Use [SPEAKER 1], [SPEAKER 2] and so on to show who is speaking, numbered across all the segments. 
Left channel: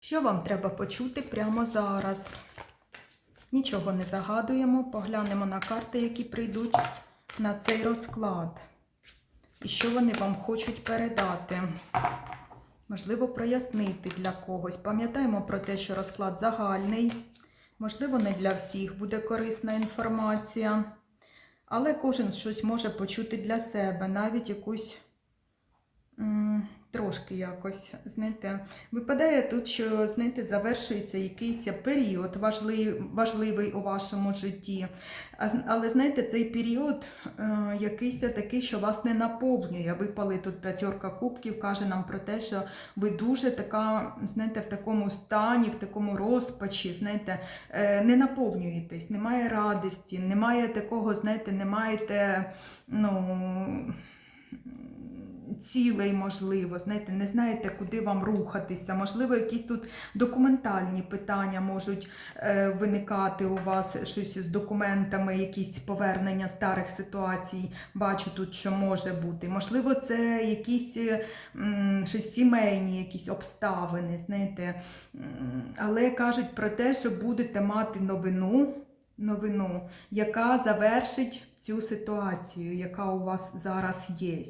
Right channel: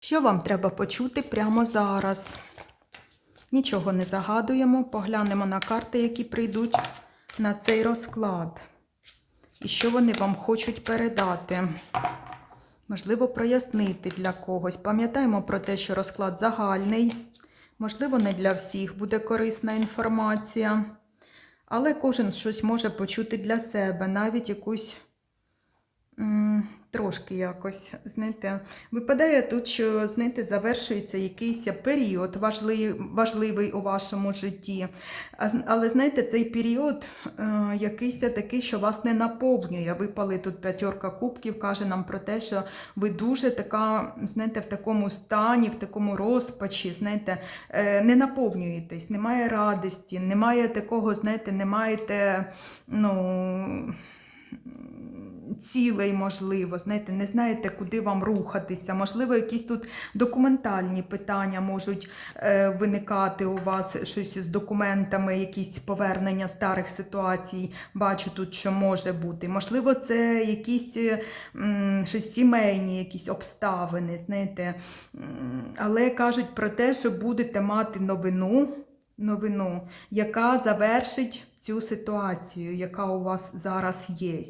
[SPEAKER 1] Що вам треба почути прямо зараз? Нічого не загадуємо, поглянемо на карти, які прийдуть на цей розклад. І що вони вам хочуть передати. Можливо, прояснити для когось. Пам'ятаємо про те, що розклад загальний. Можливо, не для всіх буде корисна інформація. Але кожен щось може почути для себе, навіть якусь трошки якось, знаєте, випадає тут, що, знаєте, завершується якийсь період важливий, у вашому житті. Але, знаєте, цей період е, якийсь такий, що вас не наповнює. Випали тут п'ятерка кубків, каже нам про те, що ви дуже така, знаєте, в такому стані, в такому розпачі, знаєте, е, не наповнюєтесь, немає радості, немає такого, знаєте, не маєте, ну. Цілей, можливо, знаєте, не знаєте, куди вам рухатися. Можливо, якісь тут документальні питання можуть е, виникати у вас щось з документами, якісь повернення старих ситуацій. Бачу тут, що може бути. Можливо, це якісь е, м, щось сімейні, якісь обставини, знаєте. Але кажуть про те, що будете мати новину. Новину, яка завершить цю ситуацію, яка у вас зараз є.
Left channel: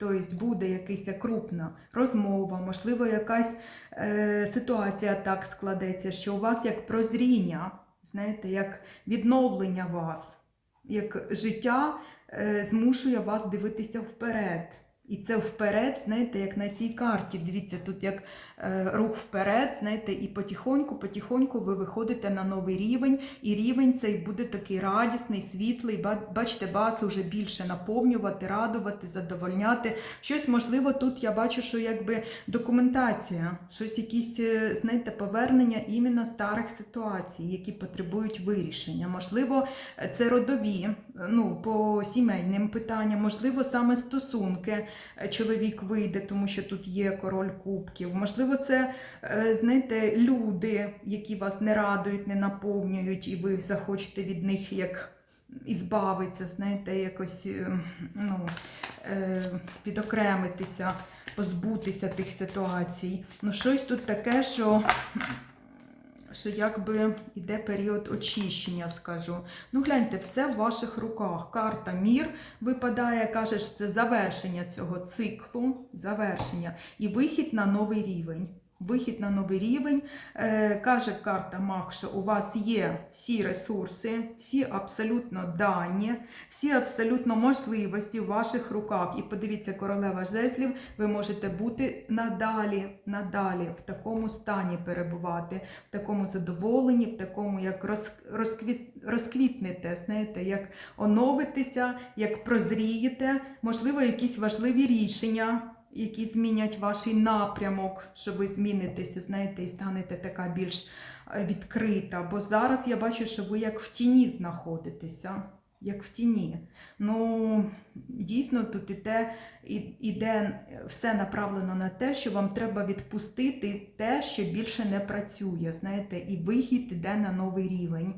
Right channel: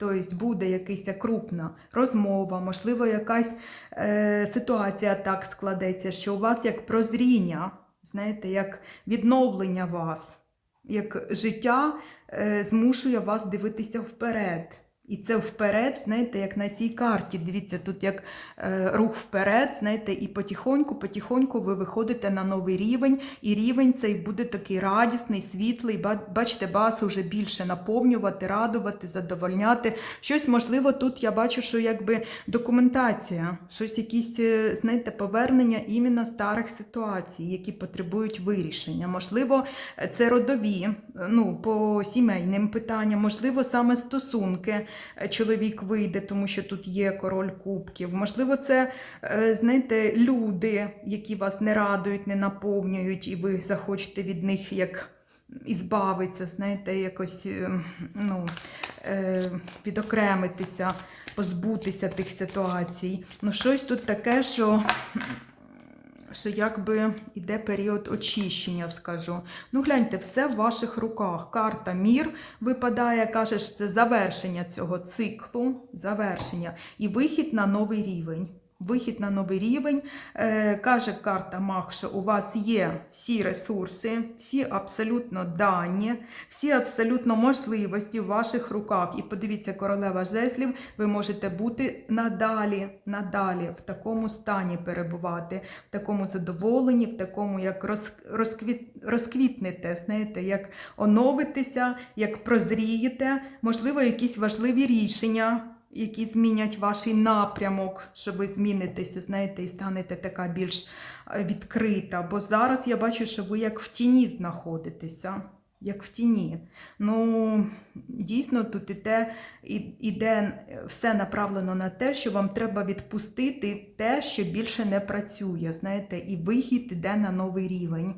[SPEAKER 1] Тобто буде якась крупна розмова, можливо, якась е, ситуація так складеться, що у вас як прозріння, знаєте, як відновлення вас, як життя е, змушує вас дивитися вперед. І це вперед, знаєте, як на цій карті. Дивіться, тут як е, рух вперед, знаєте, і потихоньку, потихоньку ви виходите на новий рівень, і рівень цей буде такий радісний, світлий. Ба- Бачите, вас уже більше наповнювати, радувати, задовольняти. Щось можливо тут я бачу, що якби документація, щось якісь, е, знаєте, повернення іменно старих ситуацій, які потребують вирішення. Можливо, це родові, ну, по сімейним питанням, можливо, саме стосунки е, чоловік вийде, тому що тут є король кубків. Можливо, це, е, знаєте, люди, які вас не радують, не наповнюють, і ви захочете від них як. Ізбавитися, знаєте, якось е, ну, е, відокремитися, позбутися тих ситуацій. Ну, щось тут таке, що що якби йде період очищення, скажу. Ну, гляньте, все в ваших руках. Карта Мір випадає, каже, що це завершення цього циклу, завершення і вихід на новий рівень. Вихід на новий рівень. Е, каже карта Мах, що у вас є всі ресурси, всі абсолютно дані, всі абсолютно можливості в ваших руках. І подивіться, королева жезлів, ви можете бути надалі, надалі в такому стані перебувати, в такому задоволенні, в такому, як роз, розквіт, розквітнете, знаєте, як оновитеся, як прозрієте, можливо, якісь важливі рішення які змінять ваш напрямок, що ви змінитеся, знаєте, і станете така більш е, відкрита. Бо зараз я бачу, що ви як в тіні знаходитеся. Як в тіні. Ну, дійсно, тут іде, іде все направлено на те, що вам треба відпустити те, що більше не працює. Знаєте, і вихід іде на новий рівень.